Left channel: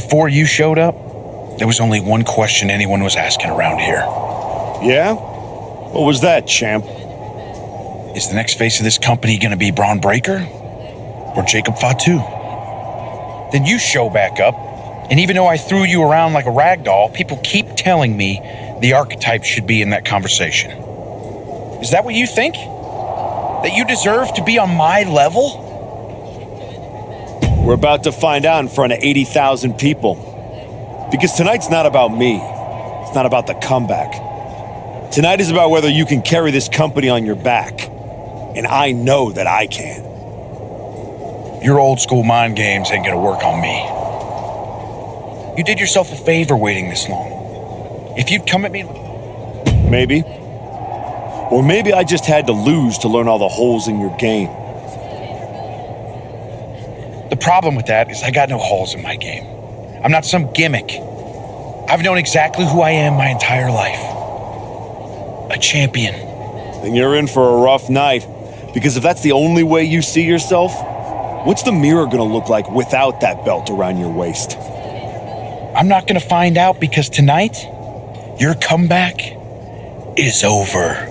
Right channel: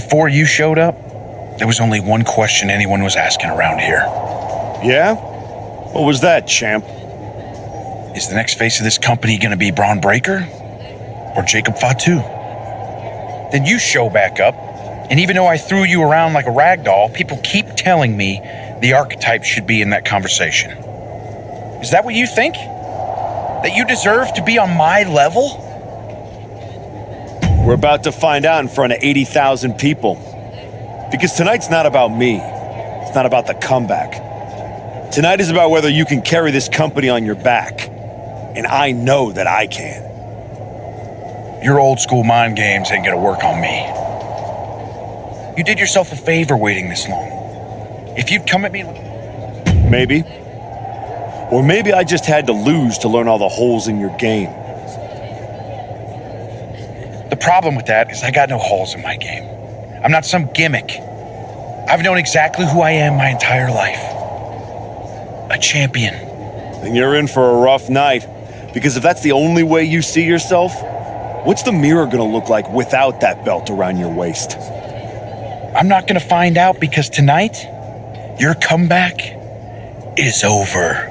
Before you showed up, there was only one question anyone was asking around here. Yeah? What was that, champ? Is the next face of this company going to be Braun Breaker or Jacob Fatu? Then you show back up, and even though I threw you around like a rag doll, people keep telling me the archetype should be in that conversation. Is that what you think? That you deserve to be on my level? We're about to find out in front of 80,000 people. Because tonight's not about me. It's not about the comeback. Tonight is about whether you can carry this company on your back. And I know that I can. Your old school mind games ain't gonna work on me. You did yourself a favor waiting this long. If you'd come at me like... Maybe. Or maybe I just had to lose to learn all the holes in your game. The problem with that is I got no holes in my game. I'm not some gimmick. I've known exactly who I am my entire life. A champion. Then you're in for a rough night. Because if that's the only way you see yourself, what's the mirror gonna look like without that belt around your waist? I'm not gonna find out because tonight, your comeback is over.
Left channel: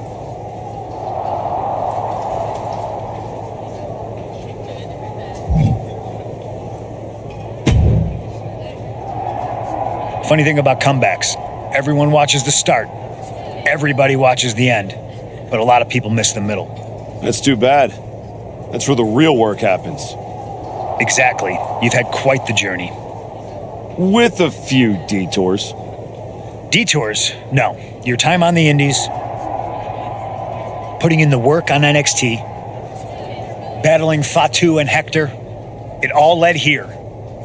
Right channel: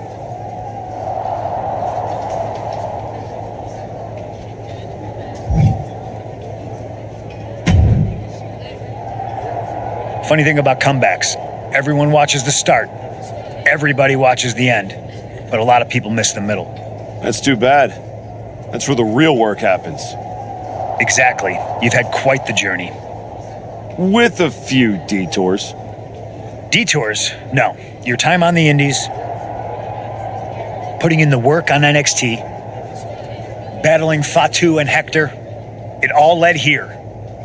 Funny thing about comebacks, everyone watches the start. Everybody watches the end. But a lot of people miss the middle. That's too bad. That's where the real work happens. Exactly. You've had quite the journey. With a few detours. Detours? No. Your time on the Indies, putting in the work on NXT, battling Fatu and Hector, it all led here.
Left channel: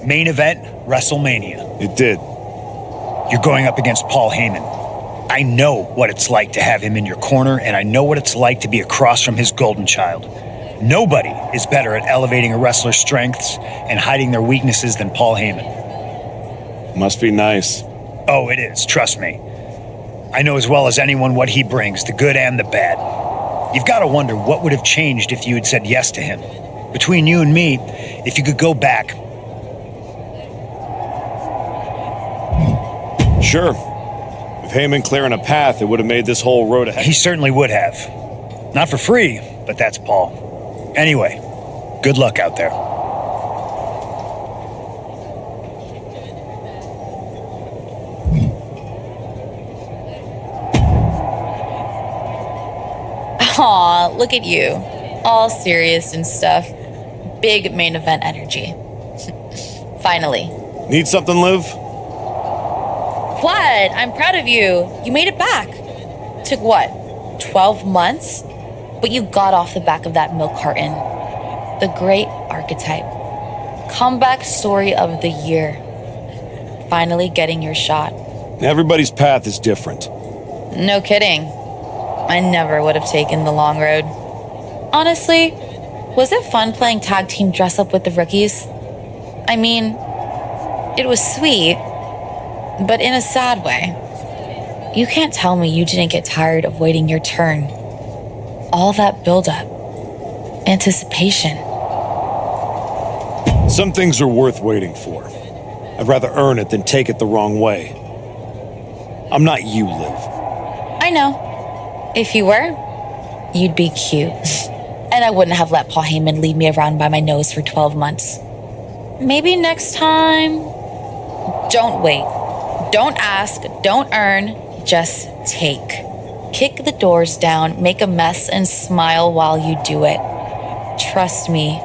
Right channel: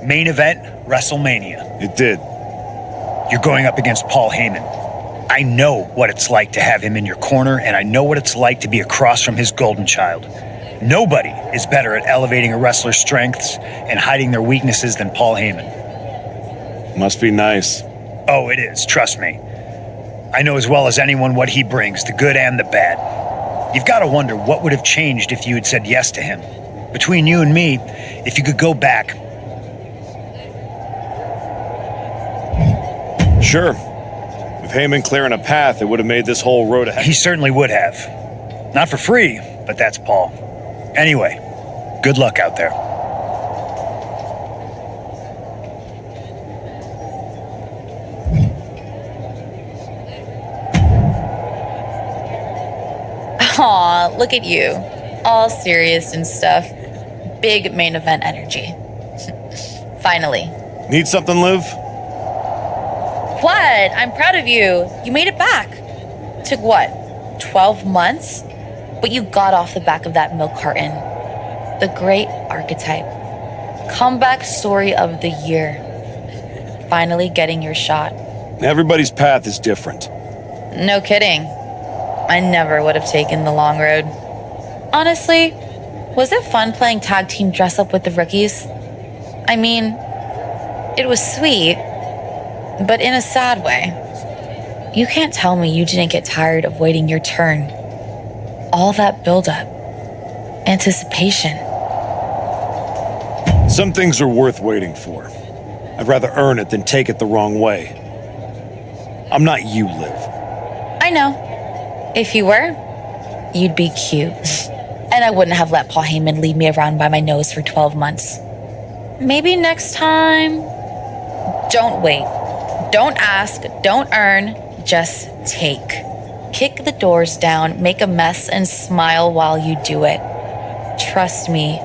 Main event, WrestleMania. It did. You're going up against Paul Heyman. I know what it's like to have him in your corner, and I know what it's like to be across from his golden child. Nobody is better at elevating a wrestler's strengths and hiding their weaknesses than Paul Heyman. Must be nice. Oh, it is, trust me. I know as well as anyone what he brings, the good and the bad. You've got to wonder what would have changed if you had said yes to him. Between you and me, if you could go back. Sure. With Heyman clearing a path, it would have made this whole road ahead. He certainly would have. Not for free, but that's Paul. Anyway, good luck out there. Aw, look at you. All serious and stuff. Big main event energy. Finally. Need something, Liv? What? I'm proud of you. You made it back. Took what? 12 months? But you got off the back of that milk carton. The great archetype. Comeback story of the year. Finally getting your shot. Everybody's path is different. No kidding. I never would have taken the long road. Honestly, was it fun playing tag team dress up with the rookies? I mean, it was sweet, but in a sad way. You can't tell me you didn't get tired of waiting your turn. All that buildup, anticipation. Some things are worth waiting for. I'd rather earn it than take it the wrong way. I'm not you, Liv. I know. If you were, you'd be cute. And I wouldn't have let Paul Heyman lead me around by my nose for 12 months. Maybe next time. Don't wait. Don't ask. Don't earn. Just take. Kick the doors down, make a mess, and smile while you do it. Trust me.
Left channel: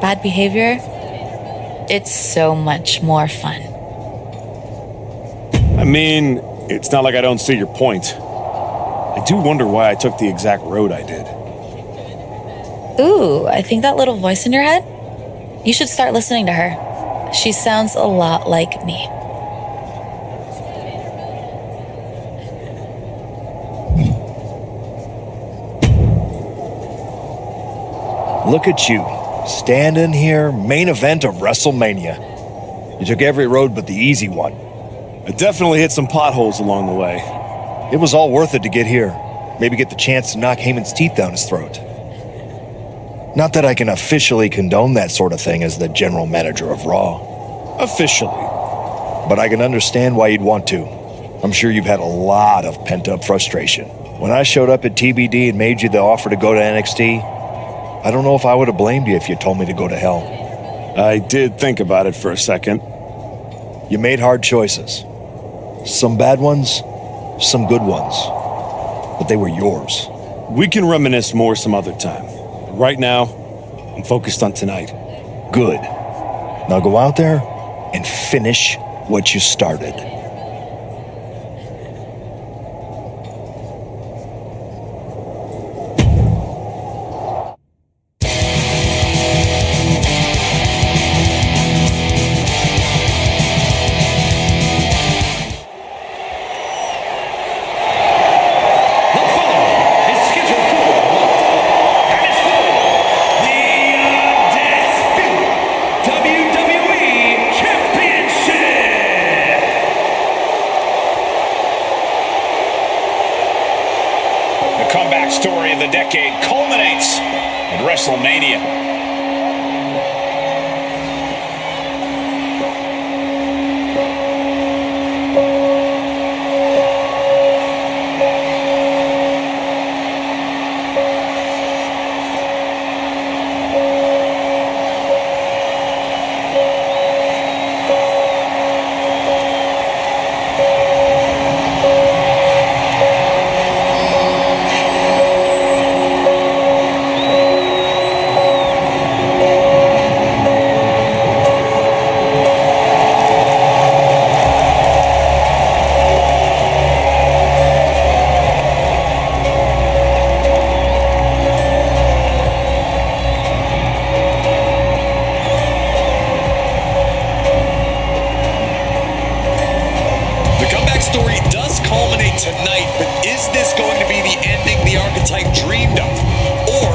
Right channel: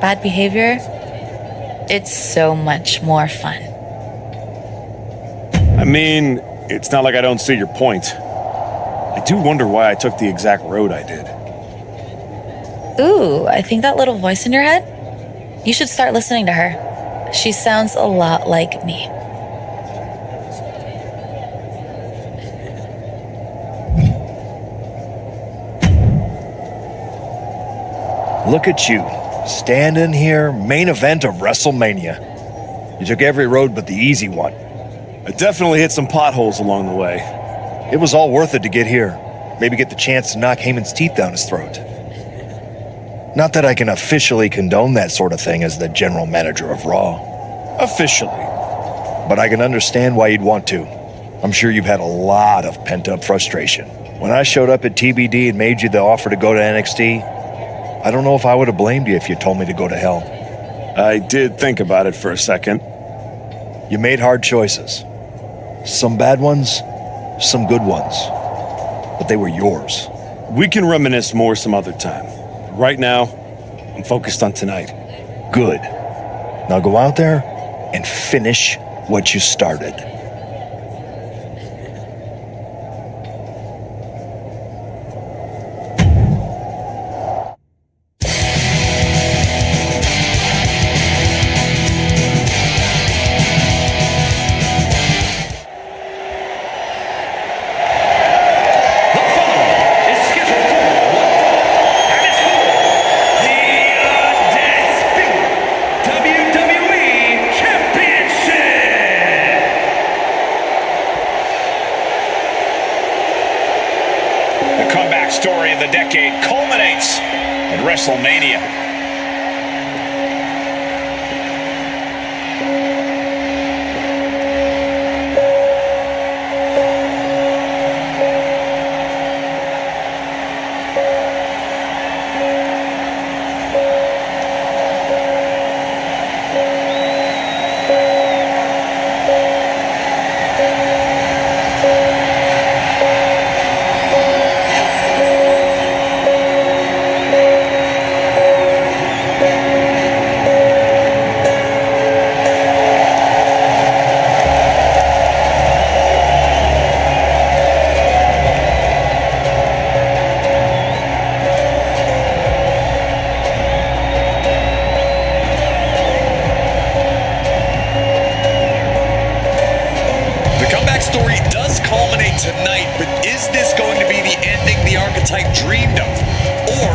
Bad behavior? It's so much more fun. I mean, it's not like I don't see your point. I do wonder why I took the exact road I did. Ooh, I think that little voice in your head? You should start listening to her. She sounds a lot like me. Look at you, standing here, main event of WrestleMania. You took every road but the easy one. I definitely hit some potholes along the way. It was all worth it to get here. Maybe get the chance to knock Heyman's teeth down his throat. Not that I can officially condone that sort of thing as the general manager of Raw. Officially. but I can understand why you'd want to. I'm sure you've had a lot of pent-up frustration. When I showed up at TBD and made you the offer to go to NXT, I don't know if I would have blamed you if you told me to go to hell. I did think about it for a second. You made hard choices. Some bad ones, some good ones. But they were yours. We can reminisce more some other time. Right now, I'm focused on tonight. Good. Now go out there and finish what you started. The following is scheduled for one fall and is for the Undisputed WWE Championship. The comeback story of the decade culminates at WrestleMania. The comeback story does culminate tonight, but is this going to be the ending the archetype dreamed of? Or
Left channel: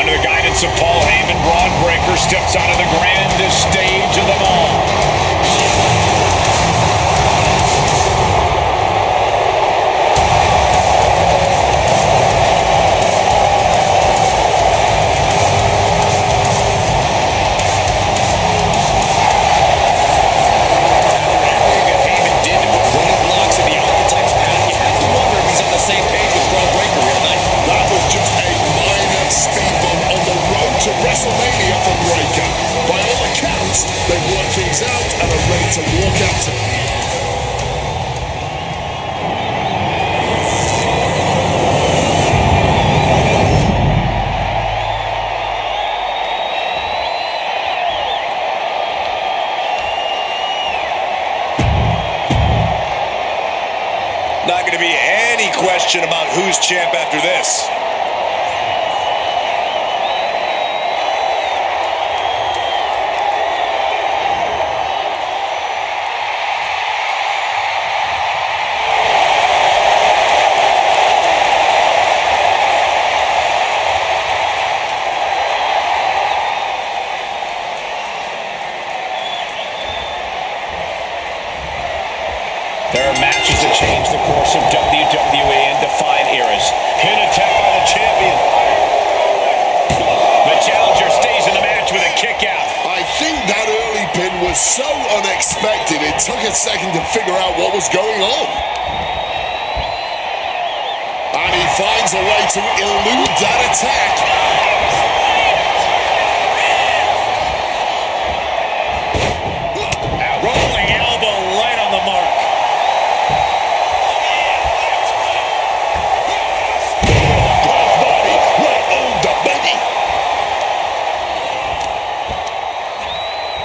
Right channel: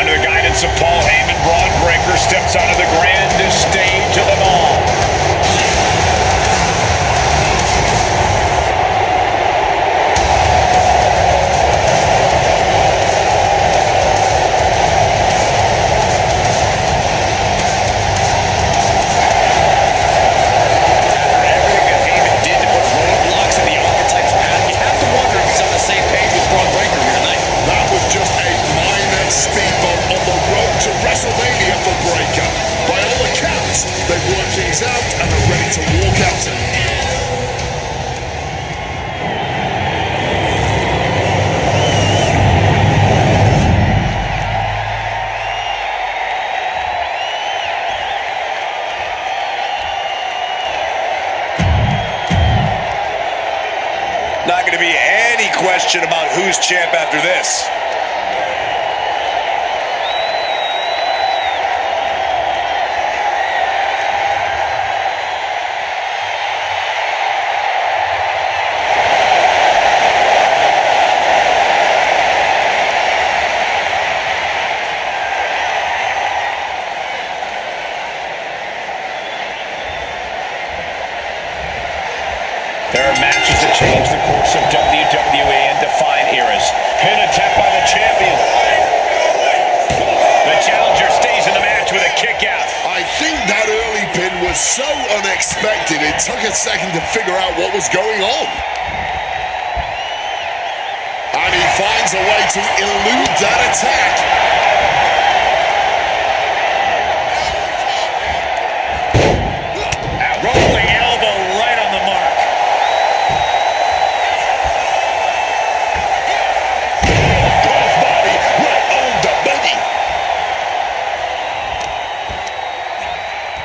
Under the guidance of Paul Heyman, Braun Breaker steps onto the grandest stage of them all. roadblocks in the archetype's path, you have to wonder if he's on the same page with Braun Breaker here tonight. That was just a minor speed bump on the road to WrestleMania for Breaker. By all accounts, they've worked things out and are ready to walk out tonight. Not going to be any question about who's champ after this. There are matches that change the course of WWE and define eras. Pin attempt by the champion. The challenger stays in the match with a kick out. I think that early pin was so unexpected, it took a second to figure out what was going on. And he finds a way to elude that attack. Rolling elbow right on the mark. Crossbody right on the money.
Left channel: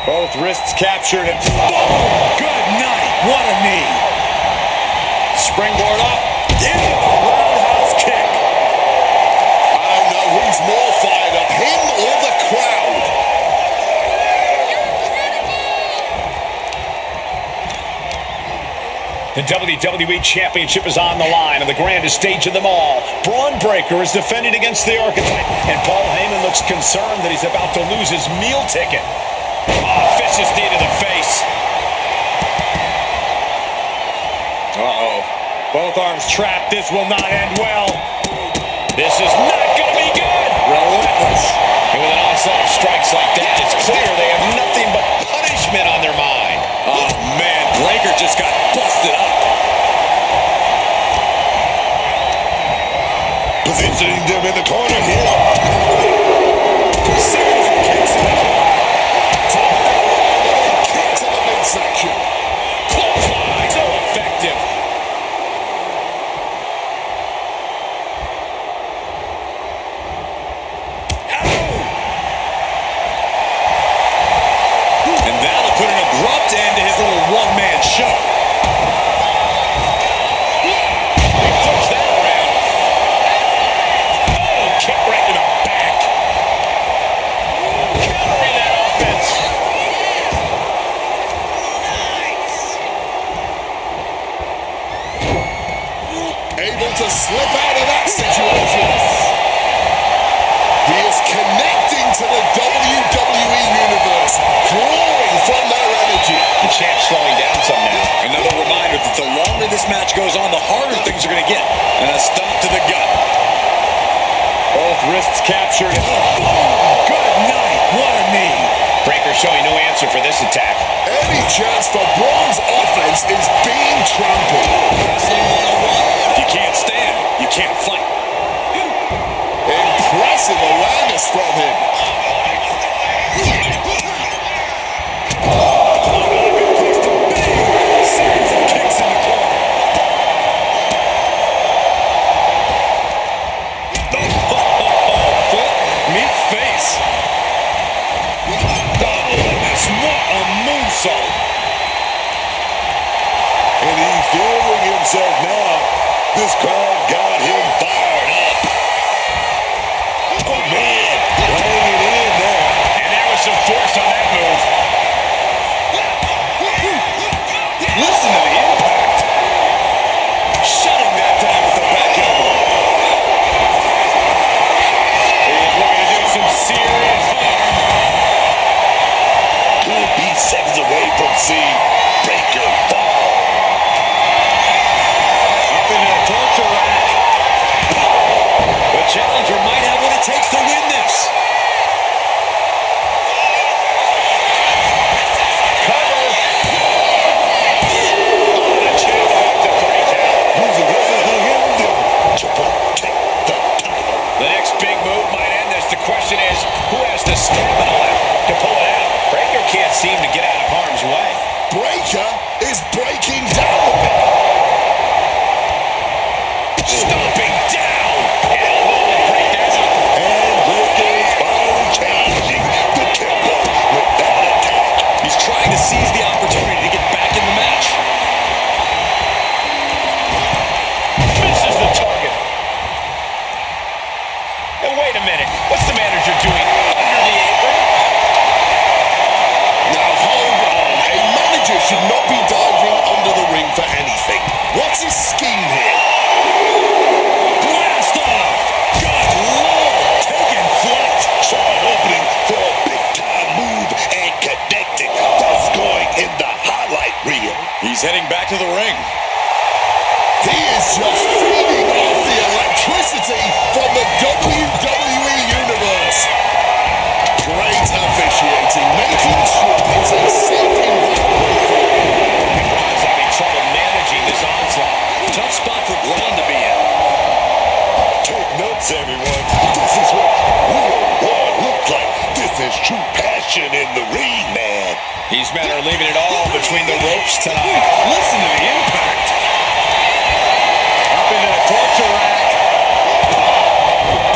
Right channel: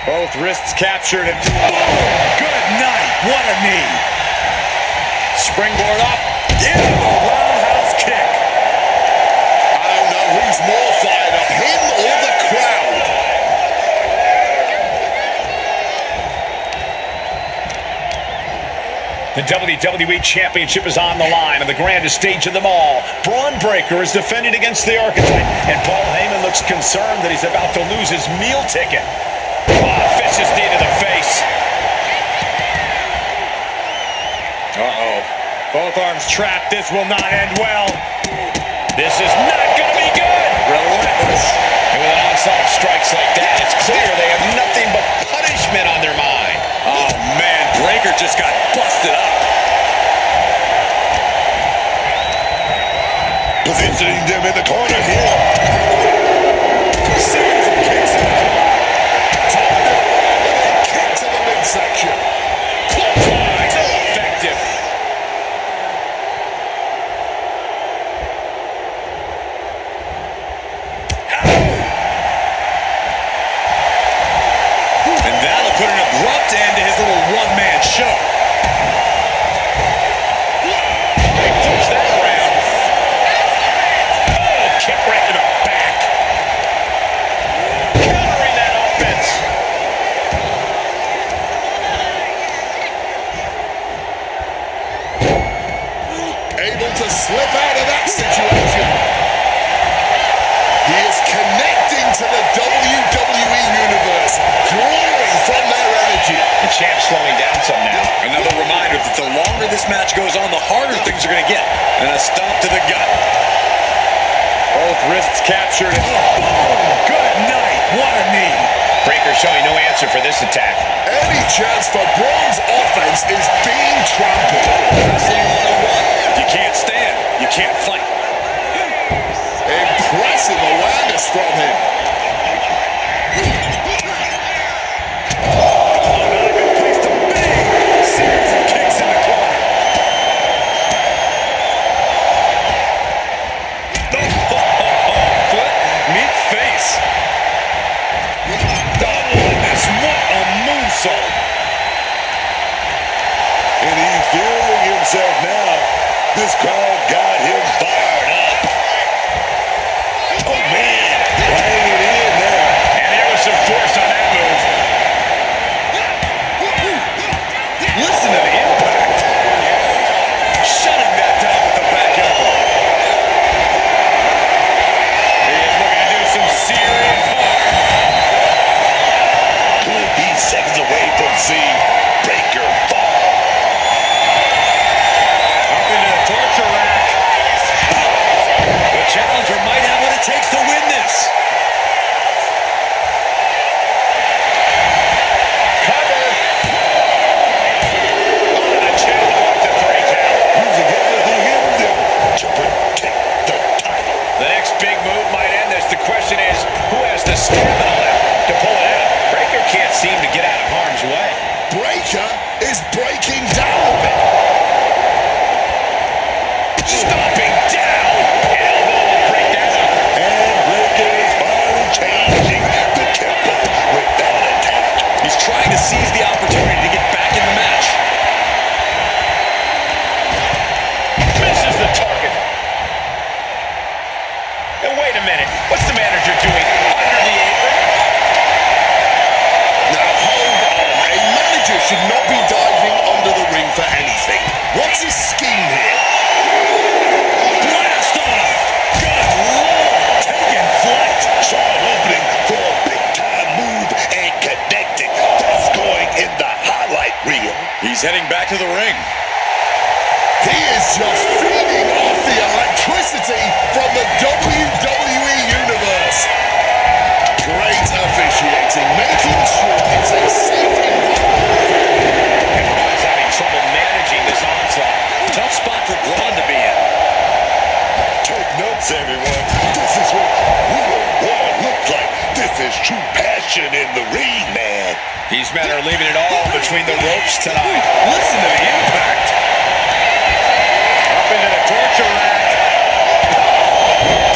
Both wrists captured and boom! Good night. What a knee. Springboard up. Into the roundhouse kick. I don't know who's more fired up, him or the crowd. The WWE Championship is on the line on the grandest stage of them all. Braun Breaker is defending against the Archetype, and Paul Heyman looks concerned that he's about to lose his meal ticket. Vicious knee to the face. Uh-oh. Both arms trapped. This will not end well. This is not going to be good. Relentless. And with an onslaught of strikes like that, it's clear they have nothing but punishment on their mind. Oh, man, Breaker just got busted up. Positioning them in the corner here. Series of kicks in the corner. Turned it around with a kick to the midsection. Clothesline. So effective. And that'll put an abrupt end to his little one-man show. Oh, he flips that around. Oh, kick right to the back. Countering that offense. Able to slip out of that situation. He is connecting to the WWE Universe, drawing from their energy. The champ's slowing down some now. Another reminder that the longer this match goes on, the harder things are going to get. And a stomp to the gut. Both wrists captured. And boom! Good night. What a knee. Breaker showing no answer for this attack. Any chance for Braun's offense is being trampled. Wrestling 101. If you can't stand, you can't fight. Impressive awareness from him. Not a good place to be. Series of kicks in the corner. Foot meet face. Doubleness, what a moonsault. And he's feeling himself now. This crowd got him fired up. Oh, man, laying it in there. And there was some force on that move. Listen to the impact. Shutting that down with the back elbow. He is looking to do some serious harm. Could be seconds away from seeing Breaker fall. Up into the torture rack. The challenger might have what it takes to win this. Cover. On a 2 to 3 count. Using everything in them to protect the title. The next big move might end this. The question is, who has the stamina left to pull it out? Breaker can't seem to get out of harm's way. Breaker is breaking down a bit. Stomping down. Elbow will break that up. And Breaker is finally changing the tempo with that attack. He's trying to seize the opportunity to get back in the match. Misses the target. Now wait a minute. What's the manager doing under the apron? Now hold on. A manager should not be diving under the ring for anything. What's his scheme here? Blast off! Good Lord! Taking flight! Saw an opening for a big-time move and connected. That's going in the highlight reel. He's heading back to the ring. He is just feeding off the electricity from the WWE Universe. Great officiating, making sure it's a safe environment for him. And Braun's having trouble managing this onslaught. Tough spot for Braun to be in. Take notes, everyone. This is what real war looks like. This is true passion in the ring, man. These men are leaving it all between the ropes tonight. Listen to the impact. Up into the torture rack.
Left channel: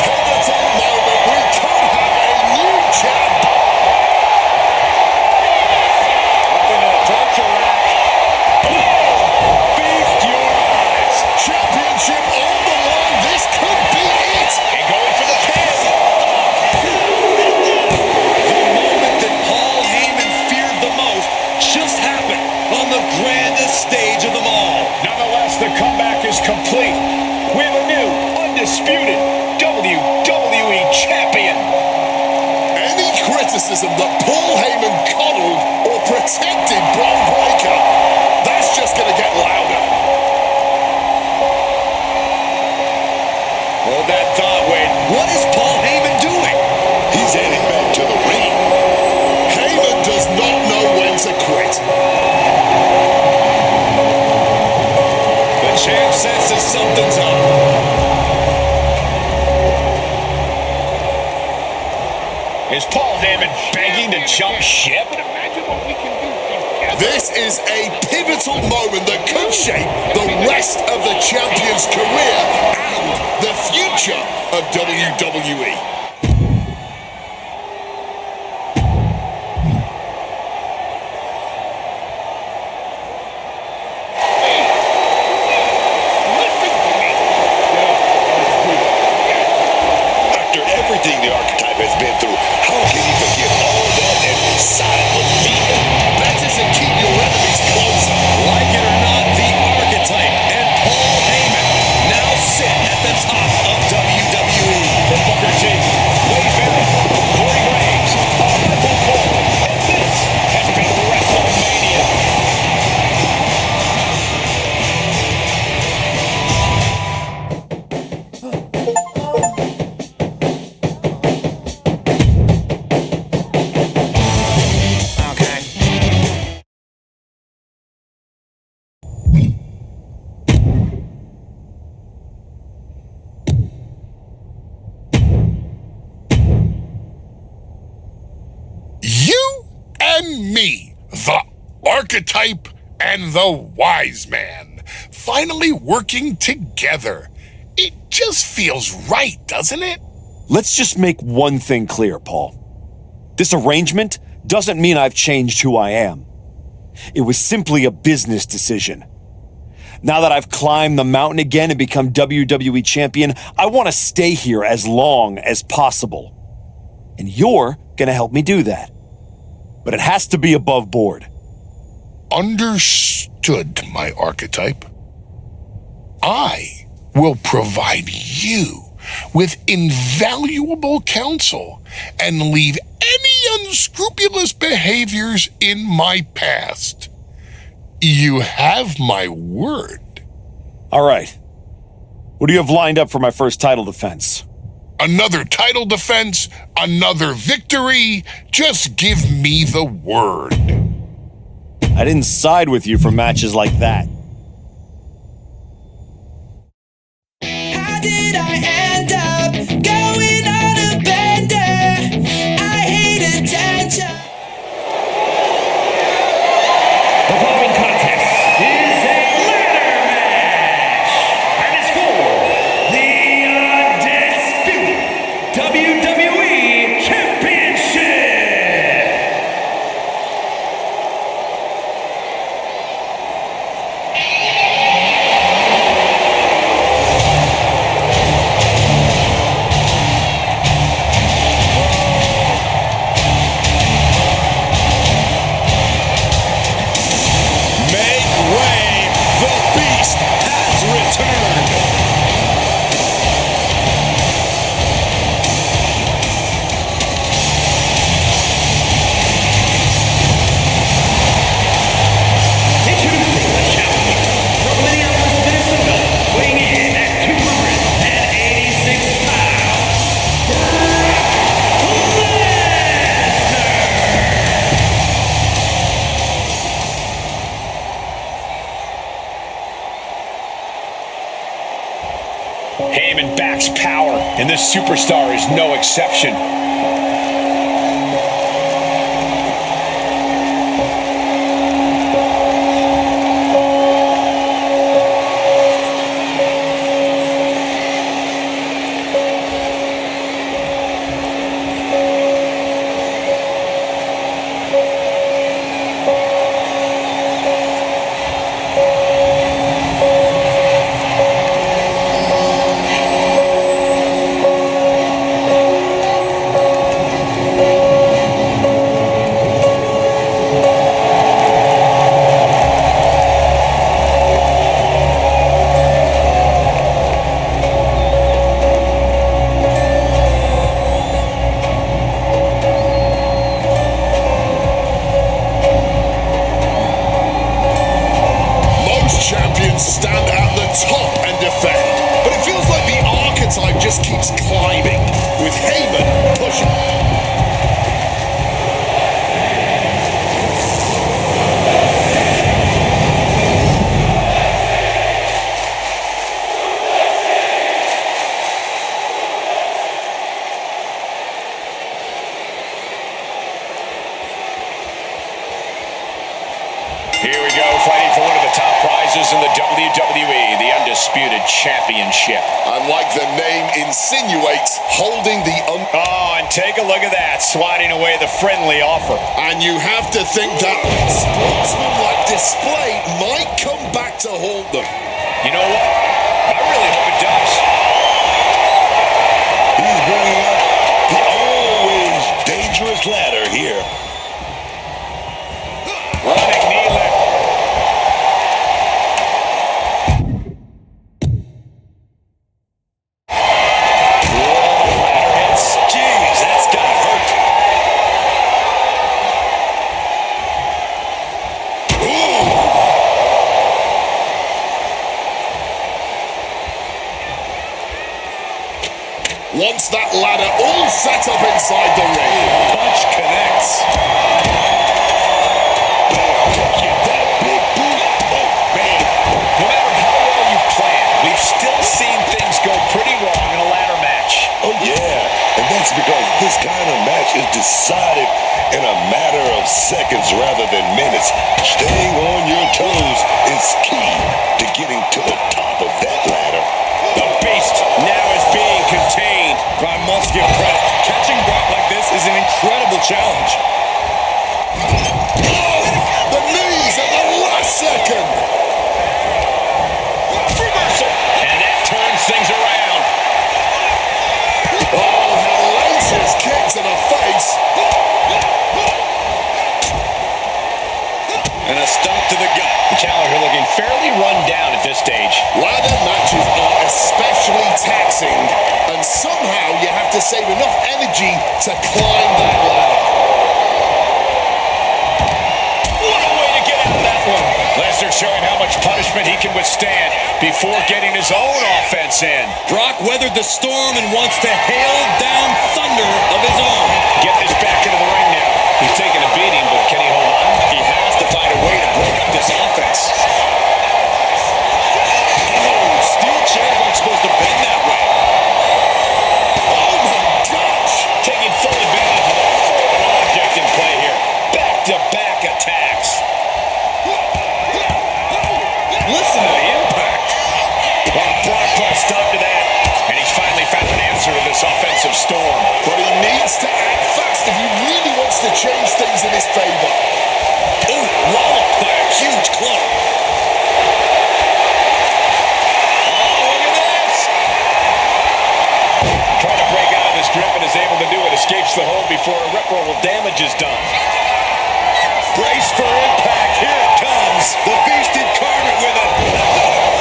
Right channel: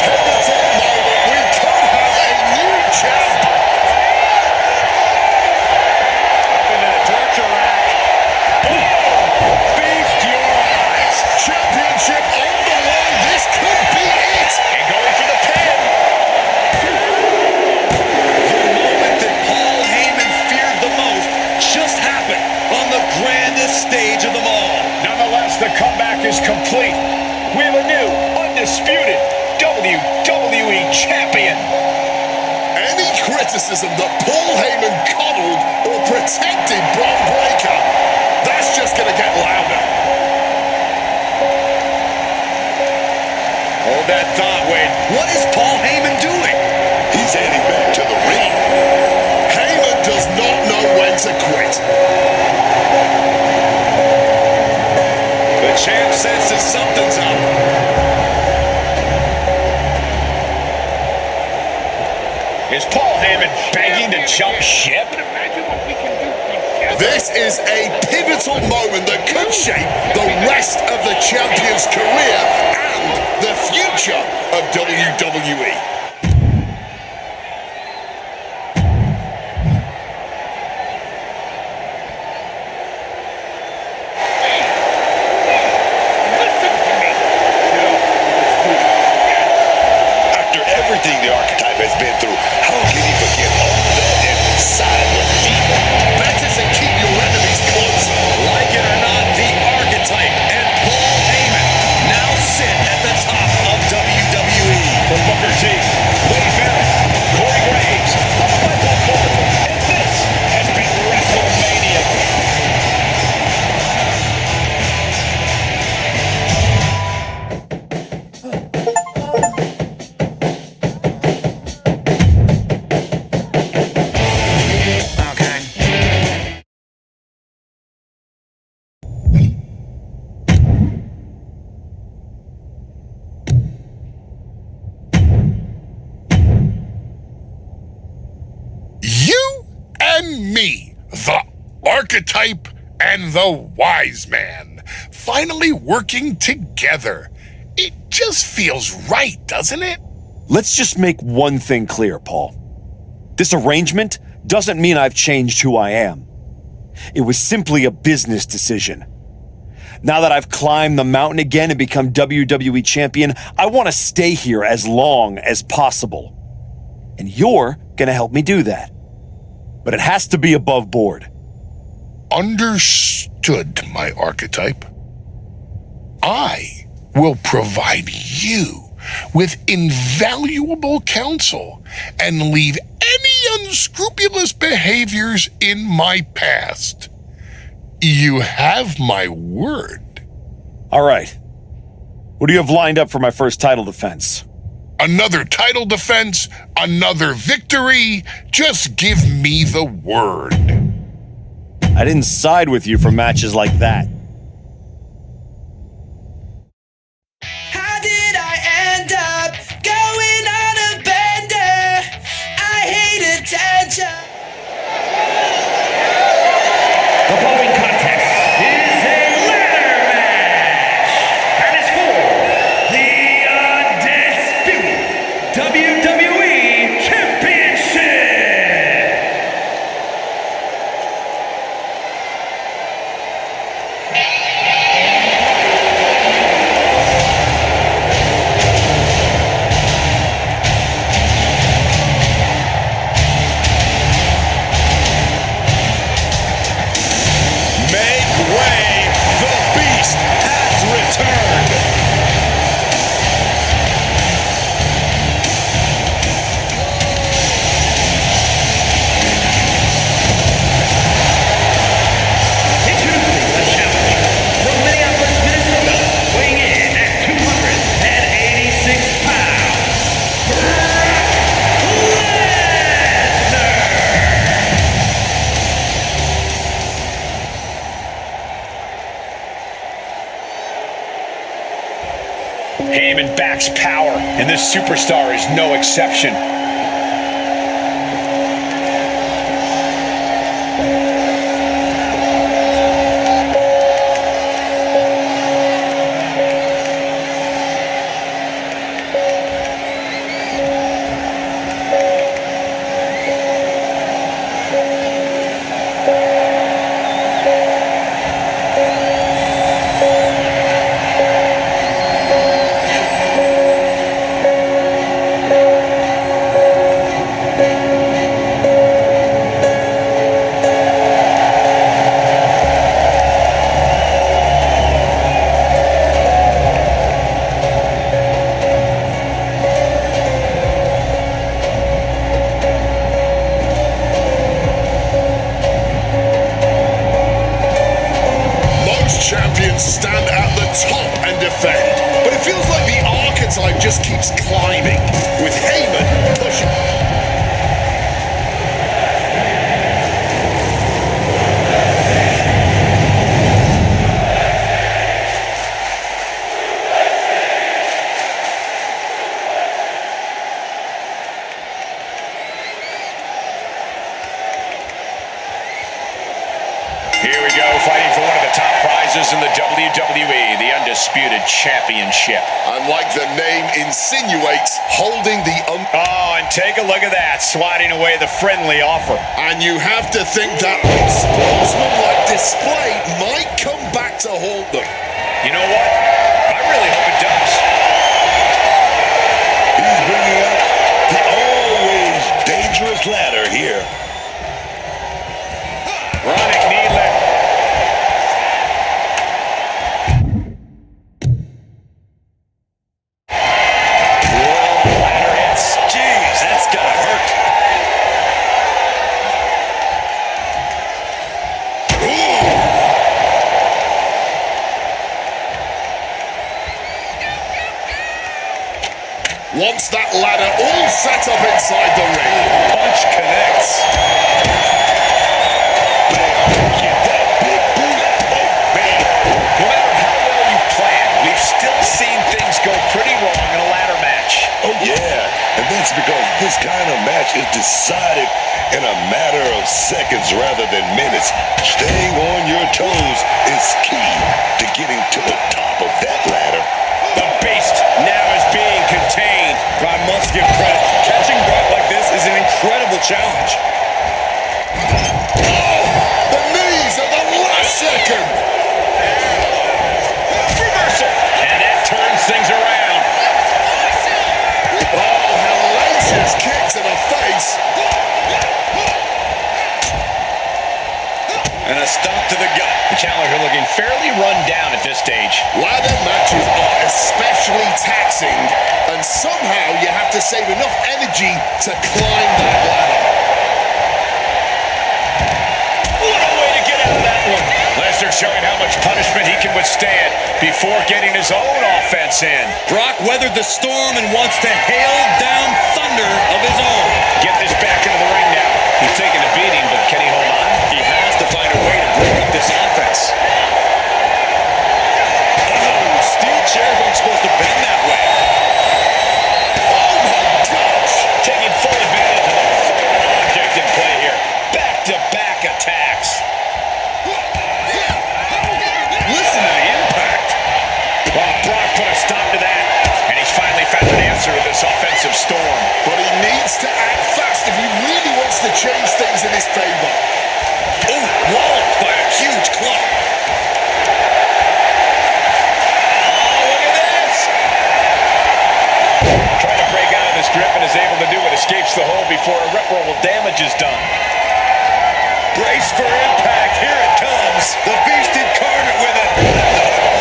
Pivotal moment. We could have a new champ. Up into the torture rack. Oh! Feast your eyes. Championship on the line. This could be it. And going for the pin. The moment that Paul Heyman feared the most just happened on the grandest stage of them all. Nonetheless, the comeback is complete. We have a new, undisputed WWE Champion. Any criticism that Paul Heyman coddled or protected Braun Breaker, that's just going to get louder. Hold that thought, Wade. What is Paul Heyman doing? He's heading back to the ring. Heyman does not know when to quit. The champ senses something's up. Is Paul Heyman begging to jump ship? This is a pivotal moment that could shape the rest of the champion's career and the future of WWE. After everything the Archetype has been through, how can he forget all that and side with Heyman? Better to keep your enemies closer. Like it or not, the Archetype and Paul Heyman now sit at the top of WWE. From Booker T, Wade Barrett, Corey Graves, all by Bill Cole, and this has been WrestleMania. You and me, the Archetype and the Wise Man, finally working together. It just feels right, doesn't it? Let's just make one thing clear, Paul. This arrangement doesn't mean I've changed who I am. It was simply a business decision. Now that I've climbed the mountain again and become WWE champion, I want to stay here as long as possible. And you're going to help me do that. But it has to be above board. Understood, my Archetype. I will provide you with invaluable counsel and leave any unscrupulous behaviors in my past. You have my word. All right. What do you have lined up for my first title defense? Another title defense, another victory. Just give me the word. I didn't side with you for matches like that. How did I end up going on a bender? I hate attention. The following contest is a ladder match and is for the undisputed WWE Championship. Make way, the Beast has returned. Introducing the challenger from Minneapolis, Minnesota, weighing in at 286 pounds, Brock Lesnar. Heyman backs power, and this superstar is no exception. champions stand at the top and defend. But it feels like the archetype just keeps climbing, with Heyman pushing. Here we go, fighting for one of the top prizes in the WWE, the Undisputed Championship. And like the name insinuates, holding the Oh, and take a look at that, swatting away the friendly offer. And you have to think that sportsmanlike display might come back to haunt them. You know what? I really hope it does. He's bringing up the always dangerous ladder here. Running knee lift. Whoa, the ladder hits. Jeez, that's gotta hurt. Once that ladder all set up inside the ring. Punch connects. Get that big boot. Oh, man. No matter how well you've planned, we've still seen things go pretty wrong in a ladder match. Oh, yeah. And that's because this kind of match is decided in a matter of seconds rather than minutes. Staying on your toes is key to getting to the top of that ladder. The Beast now is being contained. I must give credit. Catching Brock like this is an incredible challenge. The knees at the last second. Reversal. And that turns things around. Oh, hellacious kick to the face. And a stomp to the gut. The challenger looking fairly run down at this stage. Ladder matches are especially taxing, and somehow you have to save enough energy to climb that ladder. What a way to get out of that one. Lesnar showing how much punishment he can withstand before getting his own offense in. Brock weathered the storm and wants to hail down thunder of his own. Get this back into the ring now. He's taking a beating, but can he hold on? He has to find a way to break up this offense. Oh, steel chairs aren't supposed to bend that way. Oh my gosh! Taking full advantage of the foreign object in play here. Back-to-back attacks. Listen to the impact. Well, Brock put a stop to that, and he's finally found an answer to this offensive storm. But he needs to act fast if he really wants to change things in his favor. Oh, walloped by a huge club. Oh, look at this! Trying to break out of this grip and is able to do it. Escapes the hold before irreparable damage is done. Brace for impact. Here it comes. The Beast incarnate with a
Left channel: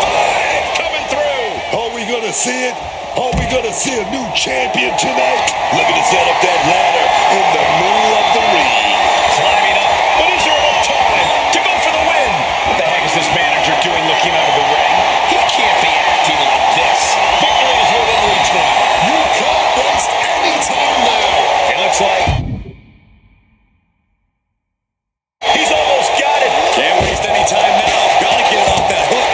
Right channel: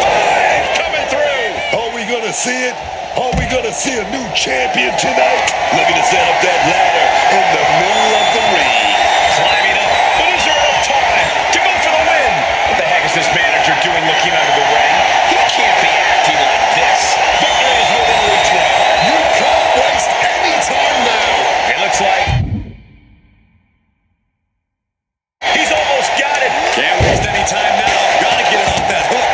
5 coming through. Are we going to see it? Are we going to see a new champion tonight? Looking to set up that ladder in the middle of the ring. Climbing up, but is there enough time to go for the win? What the heck is this manager doing looking under the ring? He can't be acting like this. Victory is within reach now. You can't waste any time now. It looks like he's almost got it. Can't waste any time now. Got to get it off that hook.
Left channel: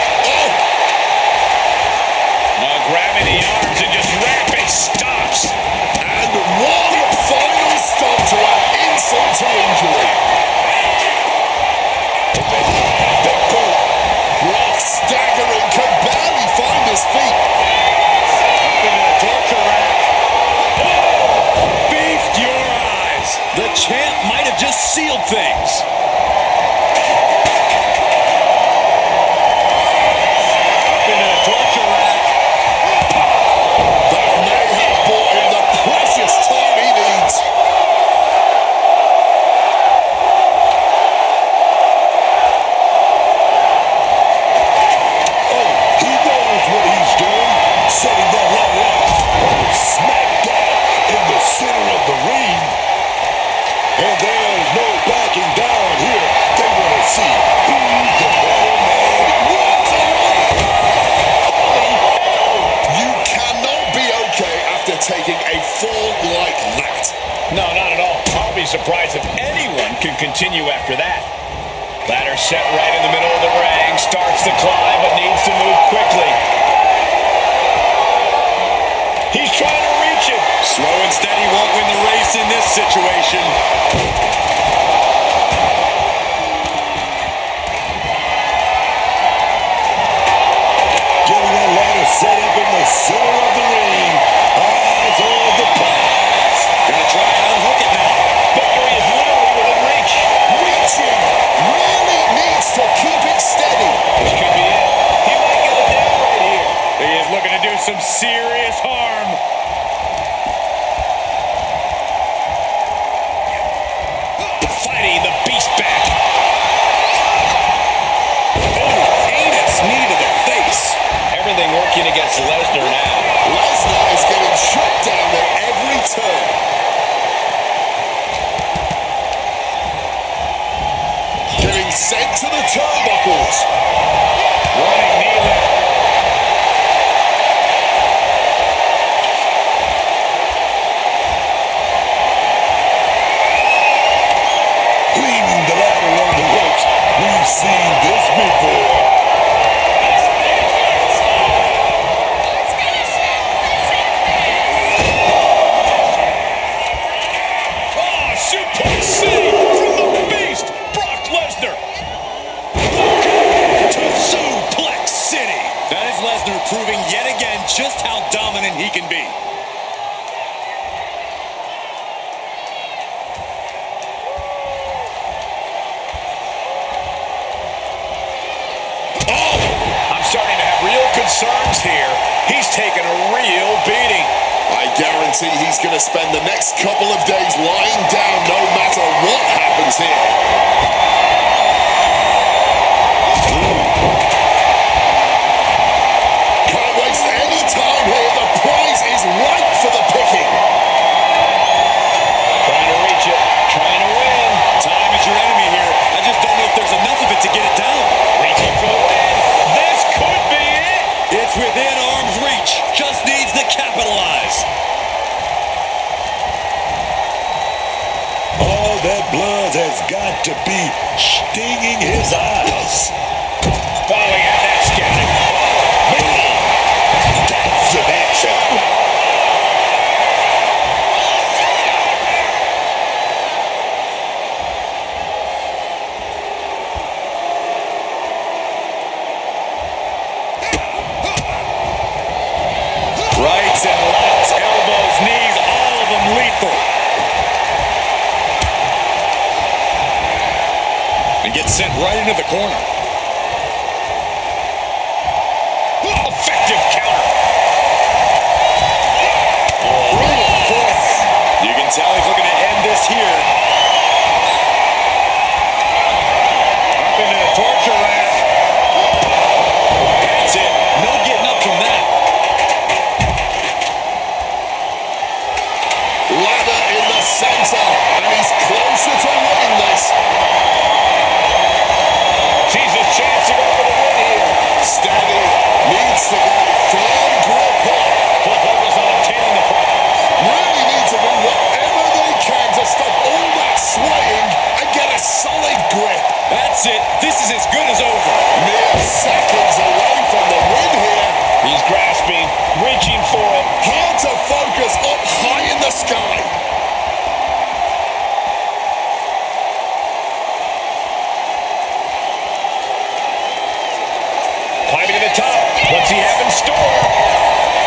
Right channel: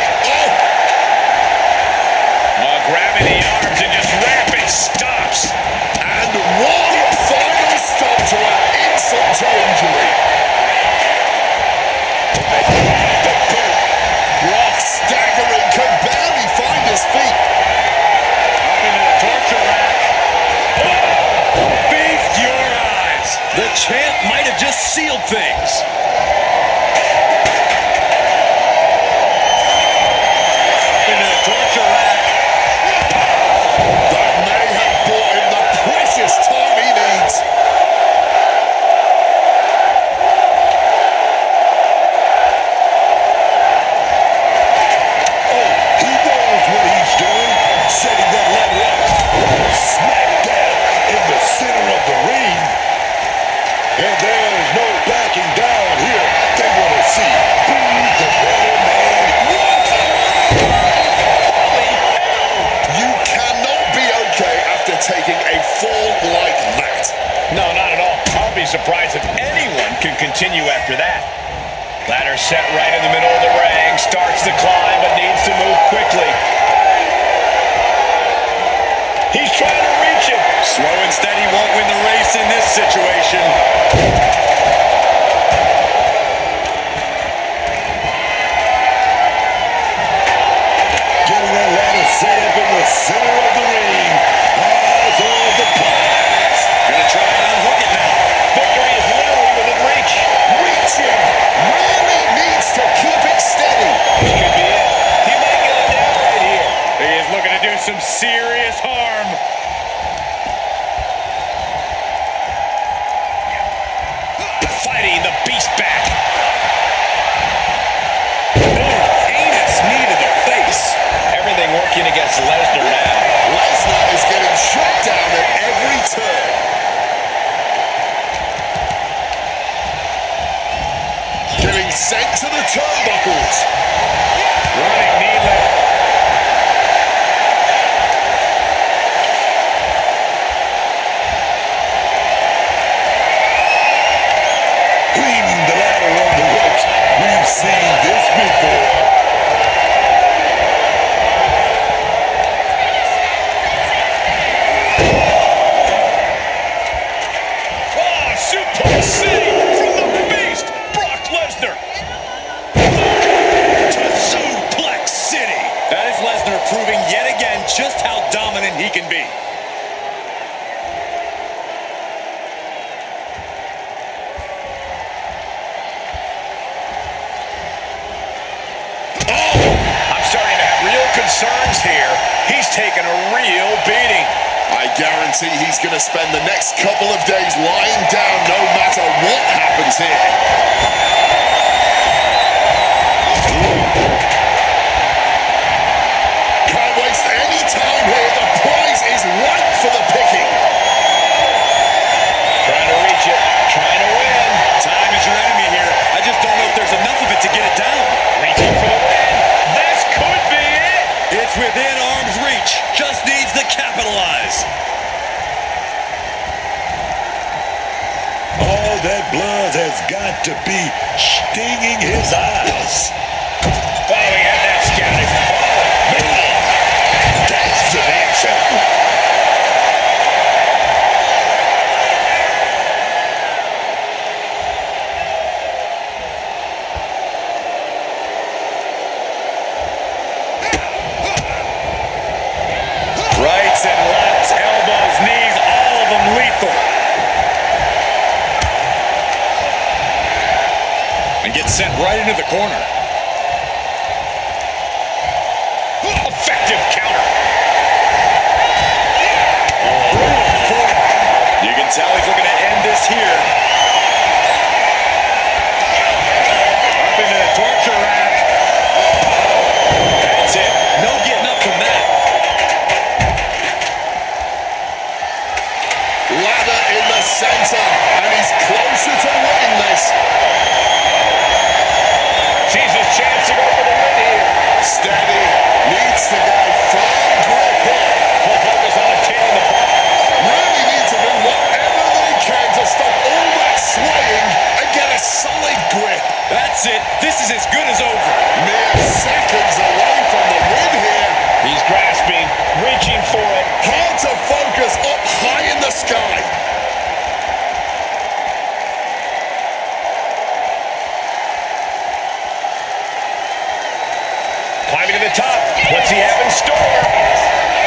Grabbing the arms and just rapid stops. And one final stop to add insult to injury. Big boot. Brock staggering, can barely find his feet. Up into the torture rack. Oh! Feast your eyes. The champ might have just sealed things. Up into the torture rack. That may have bought him the precious time he needs. Oh, he knows what he's doing. Setting that ladder up. Right smack dab in the center of the ring. And there's no backing down here. They want to see who's the better man. What? taking a fall like that. No, not at all. I'll be surprised if anyone can continue after that. Ladder set right in the middle of the ring. Starts to climb, but needs to move quickly. He's trying to reach it. Slow and steady won't win the race in this situation. Getting that ladder set up in the center of the ring. Eyes on the prize. Gonna try and unhook it now. Victory is literally within reach. Reaching really needs to keep it steady. This could be it. He might get it down right here. He is looking to do some serious harm. Fighting the beast back. Oh, heinous knee to the face. Everything working against Lesnar now. Lesnar is getting shut down at every turn. Getting sent to the turnbuckles. Running knee lift. Cleaning the ladder on the ropes. We've seen this before. Oh, Suplex City from the beast, Brock Lesnar. Welcome to Suplex City. That is Lesnar proving yet again just how dominant he can be. I'm starting to have real concerns here. He's taking a real beating. I guarantee he's going to spend the next couple of days lying down no matter what happens here. Can't waste any time here. The prize is ripe for the picking. Trying to reach it, trying to win. Time is your enemy here. I just don't know if there's enough of it to get it down. Reaching for the win. This could be it. It's within arm's reach. Just needs to capitalize. All that blood has got to be stinging his eyes. Oh, he had that scouted. Oh, man. That's some action. Rights and lefts, elbows, knees, all of them lethal. And gets sent right into the corner. Effective counter. Brutal forearm. You can tell he's looking to end this here. Up into the torture rack. That's it. No getting up from that. Ladder in the center, and he's closer to winning this. Sees his chance to go for the win here. Steady, needs to get a firm grip here. Full focus on obtaining the prize. Really need to do whatever they can to stop all that swaying and get a solid grip. That's it. This is as good as over. Mere seconds away from the win here. He's grasping, reaching for it. Hard to focus up high in the sky. Climbing to the top. What's he have in store?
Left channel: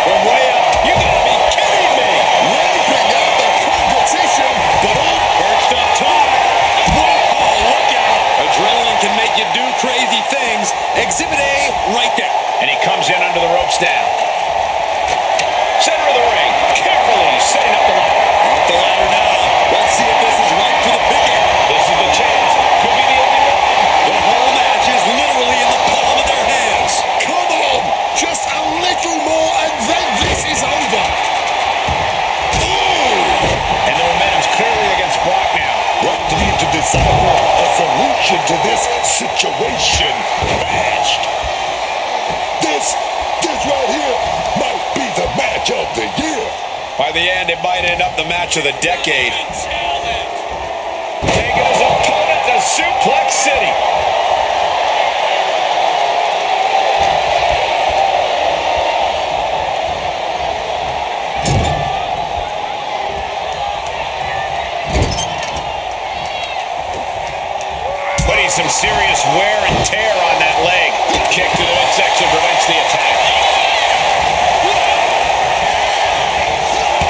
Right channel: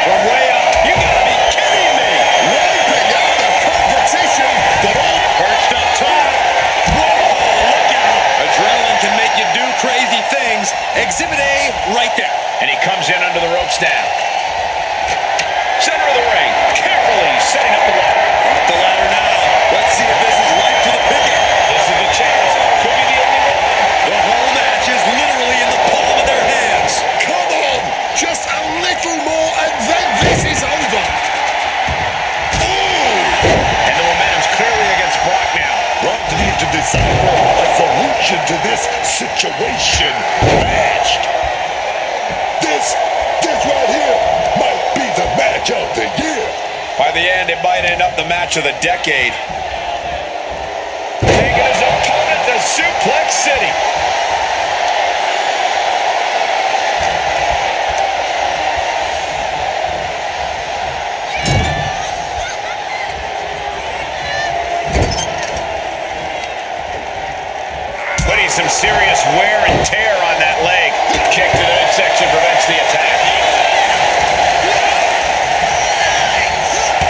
From way up. You gotta be kidding me. Wiping out the competition, but all Perched up top. Whoa, look out. Adrenaline can make you do crazy things. Exhibit A right there. And he comes in under the ropes now. Center of the ring. Carefully setting up the ladder. Up the ladder now. Let's see if this is right for the picking. This is the chance. Could be the only one. The whole match is literally in the palm of their hands. come on, just a little more and then this is over. And the momentum's clearly against Brock now. Brock needs to decipher a solution to this situation fast. This right here might be the match of the year. By the end, it might end up the match of the decade. Taking his opponent to Suplex City. Putting some serious wear and tear on that leg. Kick to the midsection prevents the attack.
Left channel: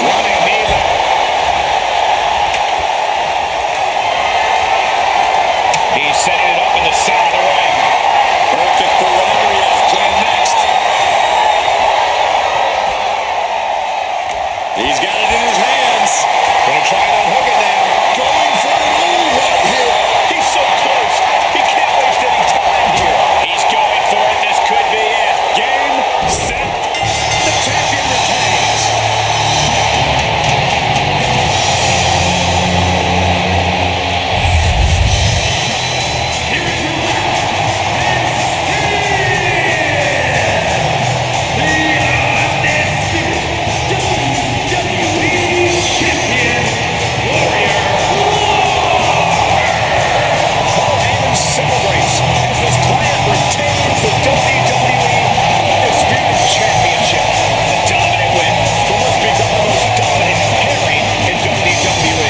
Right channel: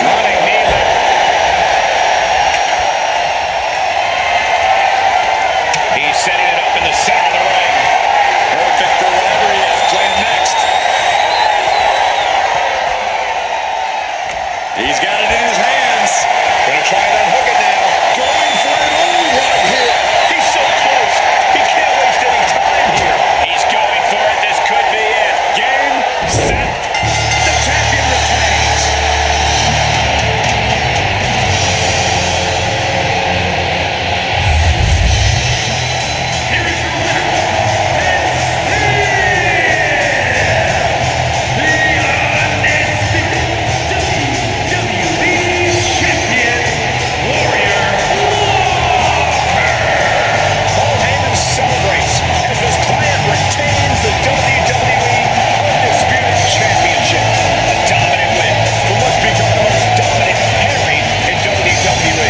Running knee lift. He's setting it up in the center of the ring. Perfect for whatever he has planned next. He's got it in his hands. Gonna try and unhook it now. Going for it all right here. He's so close. He can't waste any time here. He's going for it. This could be it. Game, set. The champion retains. Here is your winner, and still the undisputed WWE Champion, Warrior Walker. Paul Heyman celebrates as his client retains the WWE Undisputed Championship. A dominant win from what's become the most dominant pairing in WWE.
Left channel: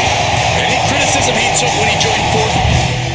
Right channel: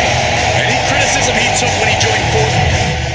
Any criticism he took when he joined forces